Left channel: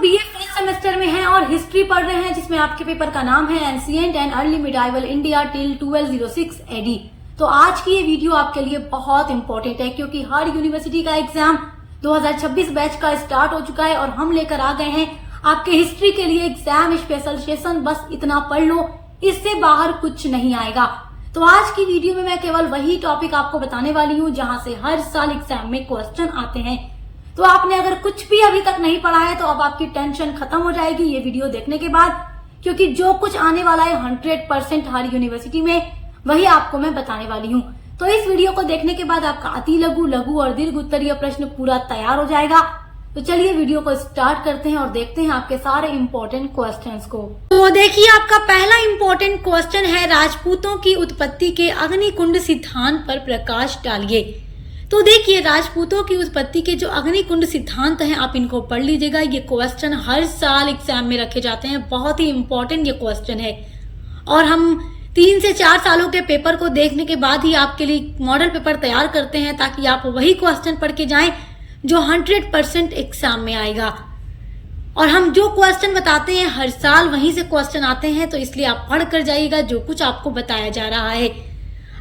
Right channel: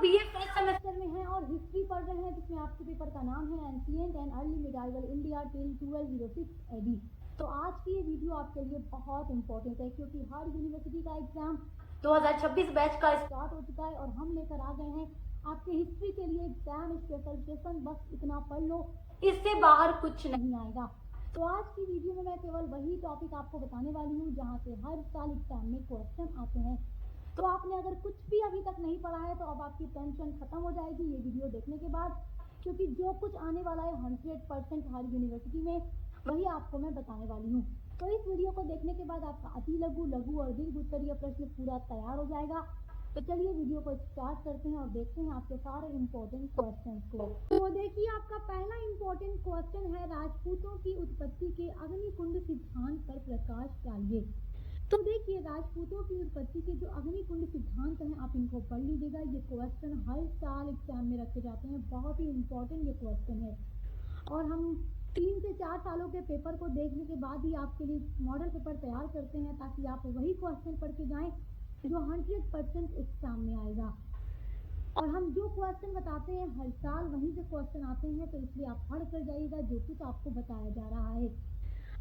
BA first semester में हैं और हिस्ट्री पढ़ रहे हैं, जिसमें आपके पेपर का नाम है ancient and early medieval India till 1206 AD. तो आज की ये वीडियो आपके लिए बहुत इंपॉर्टेंट है, क्योंकि हर यूनिवर्सिटी का एग्जाम 2026 बैच का स्टार्ट हो चुका है और हम लेकर आ गए हैं आपके हिस्ट्री के लिए एग्जाम स्पेशल सेशन। बस इतना पढ़ लो, इससे बाहर कुछ नहीं आएगा। तो आज की वीडियो में मैं केवल वही टॉपिक आपको बताने वाली हूँ जहां से हर साल एग्जाम में क्वेश्चन आते हैं। तो आपने अगर कुछ भी अभी तक नहीं पढ़ा है तो अब आपकी टेंशन खत्म हो जाएगी ये वीडियो देखने के बाद, क्योंकि जो कुछ आने वाला है 100% हर यूनिवर्सिटी में वही आपको मैं बताने वाली हूँ। तो इस वीडियो को देखने के बाद आपका अति लघु, लघु और दीर्घ उत्तरीय प्रश्न पूरा तैयार हो जाएगा। तो चलिए वीडियो को स्टार्ट करते हैं और देखते हैं आपके सारे इम्पोर्टेंट क्वेश्चंस को। तो देखिए, आपका पहला इम्पोर्टेंट क्वेश्चन है, राजपूतों की उत्पत्ति के अग्निकुंड सिद्धांत पर प्रकाश डालिए। तो देखिए, राजपूतों की उत्पत्ति के जो अग्निकुंड सिद्धांत हैं आप इनको पढ़ लीजिएगा। ये क्वेश्चन हर साल एग्जाम में रखे जाते हैं, बहुत ही इम्पोर्टेंट ये क्वेश्चन है। और हम 3 से 4 सालों के पेपर को देखने के बाद ही आपके लिए मॉडल पेपर तैयार करते हैं, ताकि आप वही क्वेश्चन पढ़ के जाएं जो 100% एग्जाम में आएगा। और हम जो क्वेश्चन बताते हैं हर साल वहीं से क्वेश्चन आते हैं, तो इसलिए आप पढ़ कर जाइएगा जो कुछ आपको बताया जा रहा है।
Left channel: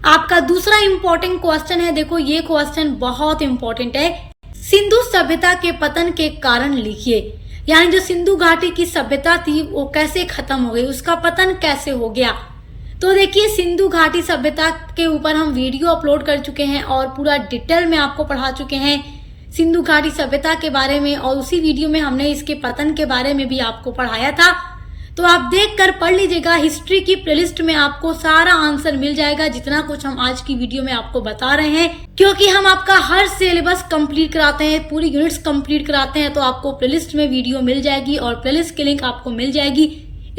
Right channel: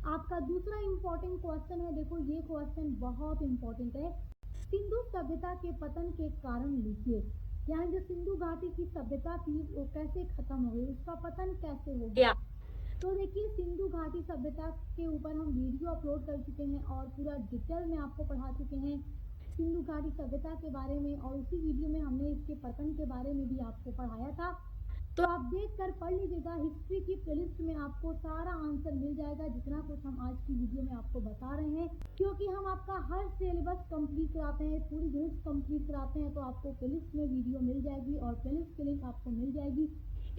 आपका दूसरा इम्पोर्टेंट क्वेश्चन है, देखो ये क्वेश्चन बहुत इम्पोर्टेंट है, सिंधु सभ्यता के पतन के कारण लिखिए। यानी जो सिंधु घाटी की सभ्यता थी वो कैसे खत्म हो गई, उसका पतन कैसे हो गया। तो देखिए, सिंधु घाटी सभ्यता के ऊपर हम वीडियो अपलोड कर चुके हैं और पूरा डिटेल में आपको पढ़ा चुके हैं सिंधु घाटी सभ्यता के बारे में, और उसी वीडियो में हमने इसके पतन के बारे में भी आपको पढ़ाया था। तो आप देख कर पढ़ लीजिएगा, हिस्ट्री की प्लेलिस्ट में आपको सारा आंसर मिल जाएगा, जितना कुछ हम आज की वीडियो में आपको बता रहे हैं। क्योंकि हम आपका हर सिलेबस कंप्लीट कराते हैं, पूरी यूनिट्स कंप्लीट कराते हैं, तो आपको प्लेलिस्ट में वीडियो मिल जाएगी और प्लेलिस्ट की लिंक आपको मिल जाएगी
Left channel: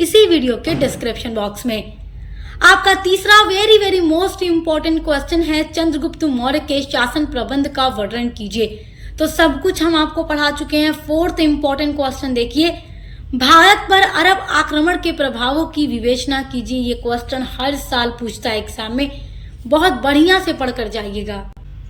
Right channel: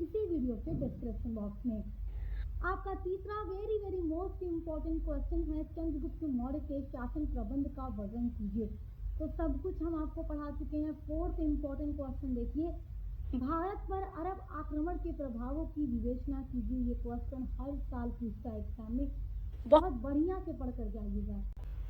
इसी वीडियो के डिस्क्रिप्शन बॉक्स में। आपका तीसरा वेरी मोस्ट इम्पोर्टेंट क्वेश्चन है, चंद्रगुप्त मौर्य के शासन प्रबंध का वर्णन कीजिए। तो सब कुछ हम आपको पढ़ा चुके हैं। फोर्थ इम्पोर्टेंट क्वेश्चन देखिए, भारत पर अरब आक्रमण के प्रभावों की विवेचना कीजिए। ये क्वेश्चन हर साल पूछता है एग्जाम में, बहुत बढ़िया से पढ़कर जाइएगा।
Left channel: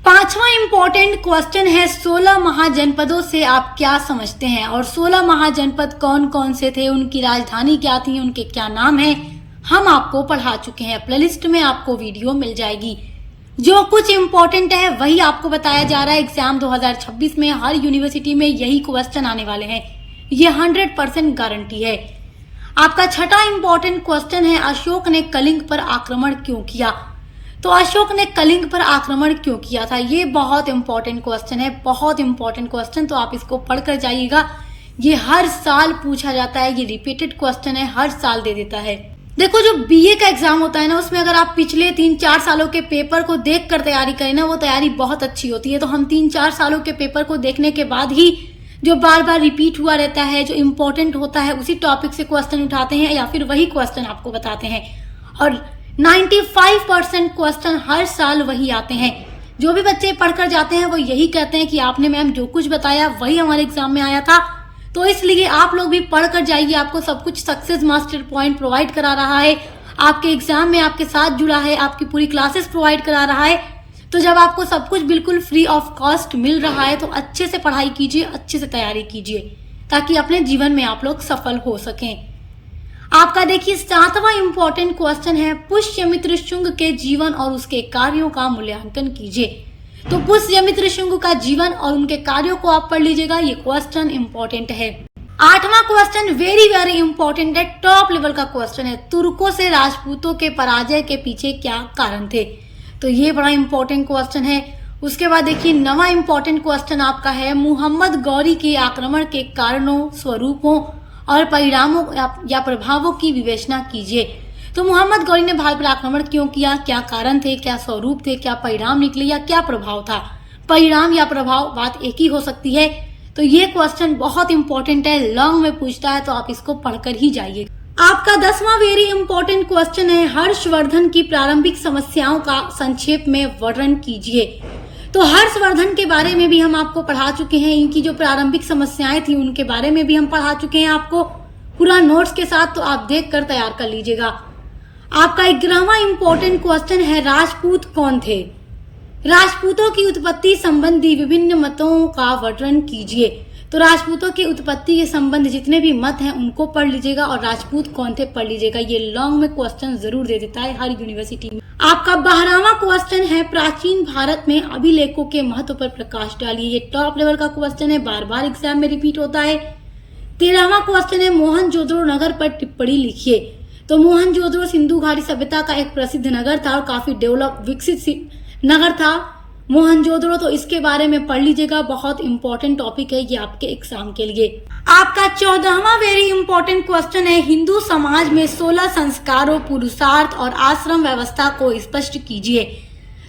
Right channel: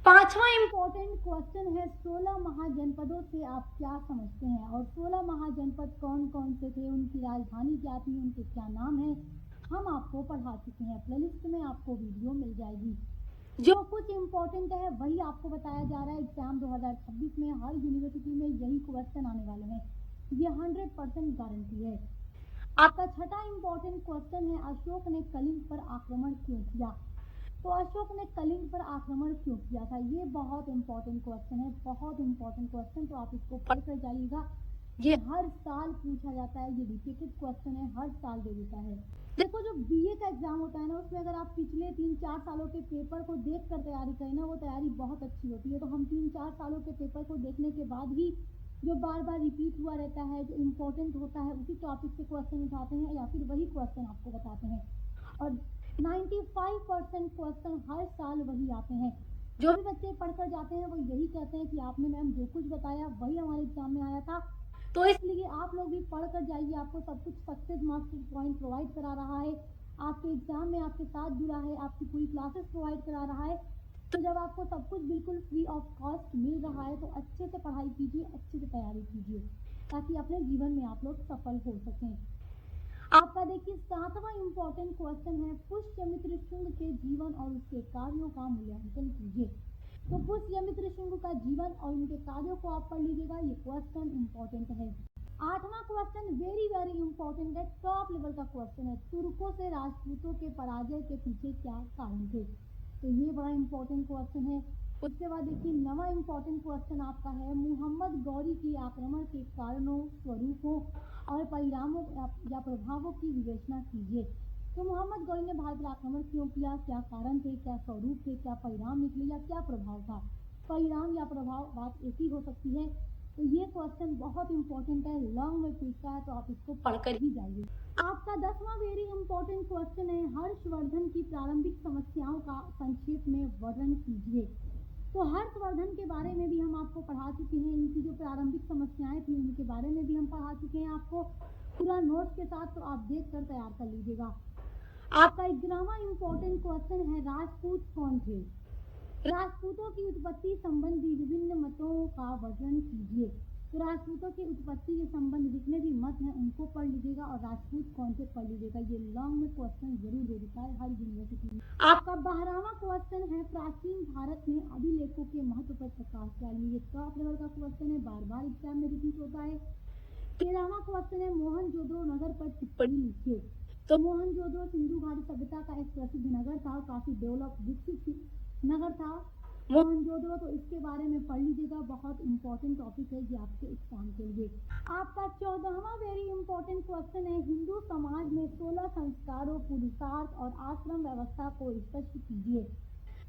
पांचवा इम्पोर्टेंट क्वेश्चन है, 16 महाजनपदों से आप क्या समझते हैं, और 16 महाजनपद कौन कौन से थे, उनकी राजधानी क्या थी, उनके क्या नाम है, हम आपको पढ़ा चुके हैं। प्लेलिस्ट में आपको वीडियो मिल जाएगी। जो कुछ इम्पोर्टेंट है वही आपको बताया जा रहा है। एग्जाम 2026 में हर यूनिवर्सिटी में यही क्वेश्चन आने वाले हैं, ये 100% गारंटी है। आपका छठा इम्पोर्टेंट क्वेश्चन है, अशोक ने कलिंग पर आक्रमण क्यों किया। तो अशोक ने कलिंग पर आक्रमण क्यों किया था, ये बहुत इंपॉर्टेंट क्वेश्चन है, बहुत इंपॉर्टेंट क्वेश्चन। तो आप इसको पढ़कर जाइएगा, ये हर साल पूछा जाता है, ये रिपीटेड क्वेश्चन है, हर साल दे देता है। देखो, जो बीए का एग्जाम होता है ना, उसमें अगर आप पिछले 3-4 सालों के पेपर को देखकर तैयारी करें ना, वो तैयारी बहुत अच्छी होती है। तो हम 3-4 सालों के पेपर को देखने के बाद ही जो बार बार रिपीट हुआ रहता है, जो इम्पोर्टेंट होता है, उसी टॉपिक से क्वेश्चन उठाते हैं या फिर वही क्वेश्चन आपको बताते हैं। और 95% क्वेश्चन हर साल वही आते हैं। जो भी बच्चे पढ़कर जाते हैं वो यही कहते हैं कि आपने मैम जो कुछ बताया वही हमारे एग्जाम में आया था। तो इसलिए आप लोग भी पढ़कर जाइए, आपको सब कुछ सक्सेस मास्टर पॉइंट प्रोवाइड करा रहा है, आपके एग्जाम में आपके साथ जुड़ा है, आपकी पूरी क्लासेस प्रोवाइड करा रहा है। तो जब आपको सब कुछ बिल्कुल फ्री ऑफ कॉस्ट मिल रहा है तो अच्छे से पढ़ाई कीजिए, अच्छे से तैयारी कीजिए, ताकि अपने जीवन में आप लोग सफल हो सकें। आपका देखिए 7वां इम्पोर्टेंट क्वेश्चन है, पुष्यमित्र शुंग के जीवन और उसके कार्यों का मूल्यांकन कीजिए। तो पुष्यमित्र शुंग का जीवन और उनके कार्यों को आप पढ़ लीजिएगा, ये क्वेश्चन इम्पोर्टेंट है। 8वां क्वेश्चन वेरी इम्पोर्टेंट है, टॉप लेवल का क्वेश्चन है, तुर्कों से राजपूतों के पराजय के पीछे क्या कारण थे। तो ये बड़ा इंपॉर्टेंट क्वेश्चन है। उसके बाद देखिए 9वां इम्पोर्टेंट क्वेश्चन आपका है, मुहम्मद गौरी के आक्रमण के कारणों, स्वरूपों और परिणामों या प्रभावों की विवेचना कीजिए। तो मुहम्मद गौरी ने भारत पर आक्रमण क्यों किया, क्या कारण थे, क्या स्वरूप थे, क्या परिणाम निकले या क्या प्रभाव था। परिणाम या प्रभाव बात एक ही हो सकती है। तो ये क्वेश्चन बहुत इंपॉर्टेंट है, लॉन्ग में पूछता है, तो आप इसको पढ़कर ही जाइए। आपका 10वां वेरी इंपॉर्टेंट क्वेश्चन है, हर्षवर्धन की प्रारंभिक समस्याओं का संक्षेप में वर्णन कीजिए। तो हर्षवर्धन के बारे में भी हम आपको पढ़ा चुके हैं, इनकी जो प्रारंभिक समस्याएं थी उनके बारे में भी हम पढ़ा चुके हैं आपको पूरा नोट्स के साथ। तो आप देख कर तैयार कर लीजिएगा। आपका 11वां इम्पोर्टेंट क्वेश्चन है, राजपूत कौन थे। राजपूतों की उत्पत्ति संबंधी विभिन्न मतों का वर्णन कीजिए। तो राजपूतों की उत्पत्ति के संबंध जितने भी मत हैं उनको पढ़ लीजिएगा और राजपूत कौन थे पढ़ लीजिएगा। ये लॉन्ग में क्वेश्चन जरूर दे देता है हर यूनिवर्सिटी में। आपका 12वां क्वेश्चन है प्राचीन भारत में अभिलेखों के महत्व पर प्रकाश डालिए। ये टॉप लेवल का क्वेश्चन है, बार बार एग्जाम में रिपीट होता है। 13वां क्वेश्चन है मोहनजोदड़ो नगर पर टिप्पणी लिखिए। तो मोहनजोदड़ो सिंधु घाटी सभ्यता का एक प्रसिद्ध नगर था और काफी डेवलप विकसित नगर था मोहनजोदड़ो। तो इसके बारे में पढ़ लीजिएगा, बहुत इंपॉर्टेंट टॉपिक है ये आपके एग्जाम के लिए। आपका 14वां वेरी इंपॉर्टेंट क्वेश्चन है हिंदू समाज में 16 संस्कारों, पुरुषार्थ और आश्रम व्यवस्था को स्पष्ट कीजिए।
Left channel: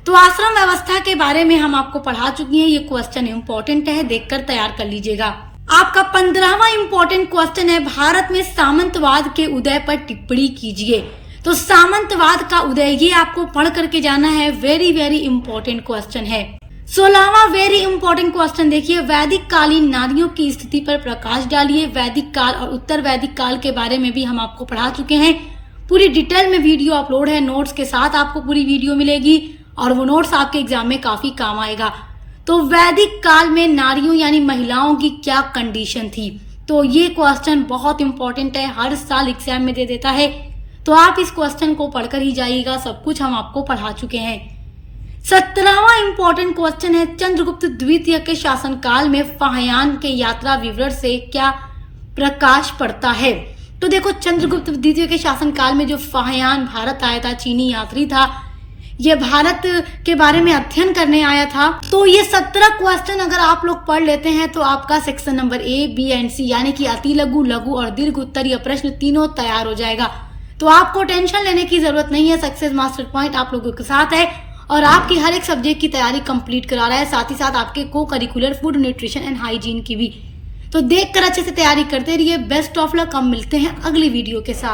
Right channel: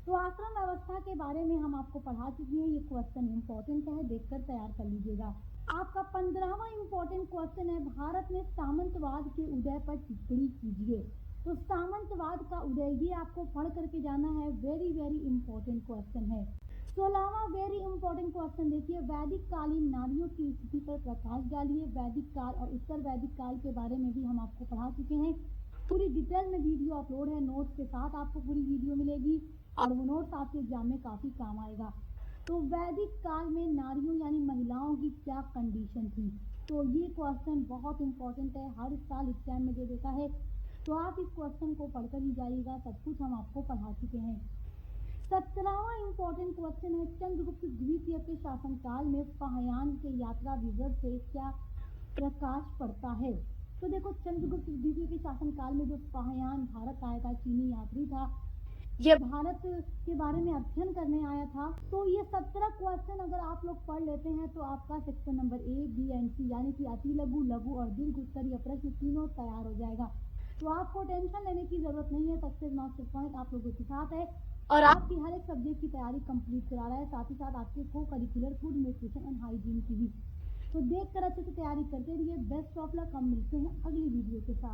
तो आश्रम व्यवस्था के बारे में हम आपको पढ़ा चुकी हैं, ये क्वेश्चन इंपॉर्टेंट है, देखकर तैयार कर लीजिएगा। आपका 15वां इंपॉर्टेंट क्वेश्चन है भारत में सामंतवाद के उदय पर टिप्पणी कीजिए। तो सामंतवाद का उदय ये आपको पढ़ करके जाना है, वेरी वेरी इंपॉर्टेंट क्वेश्चन है। 16वां वेरी इंपॉर्टेंट क्वेश्चन देखिए वैदिक कालीन नारियों की स्थिति पर प्रकाश डालिए। वैदिक काल और उत्तर वैदिक काल के बारे में भी हम आपको पढ़ा चुके हैं, पूरी डिटेल में वीडियो अपलोड है, नोट्स के साथ आपको पूरी वीडियो मिलेगी और वो नोट्स आपके एग्जाम में काफी काम आएगा। तो वैदिक काल में नारियों यानी महिलाओं की क्या कंडीशन थी, तो ये क्वेश्चन बहुत इंपॉर्टेंट है, हर साल एग्जाम में दे देता है। तो आप इस क्वेश्चन को पढ़कर ही जाइएगा, सब कुछ हम आपको पढ़ा चुके हैं। 17वां इंपॉर्टेंट क्वेश्चन है चंद्रगुप्त द्वितीय के शासनकाल में फाहयान के यात्रा विवरण से क्या प्रकाश पड़ता है। तो देखो चंद्रगुप्त द्वितीय के शासनकाल में जो फाहयान भारत आया था, चीनी यात्री था, ये भारत के बारे में अध्ययन करने आया था। तो ये 17 क्वेश्चन अगर आप लोग पढ़ लेते हैं तो आपका section number A, B and C यानी कि अति लघु, लघु और दीर्घ उत्तरीय प्रश्न तीनों तैयार हो जाएगा। तो आपको टेंशन लेने की जरूरत नहीं है, सक्सेस मास्टर पॉइंट आप लोगों के साथ है और आपकी हर एक सब्जेक्ट की तैयारी कंप्लीट करा रहा है, साथ ही साथ आपके को curricular food, nutrition and hygiene की भी। तो देखकर अच्छे से तैयारी करते रहिए। बेस्ट ऑफ लक, हम मिलते हैं अगली वीडियो के साथ।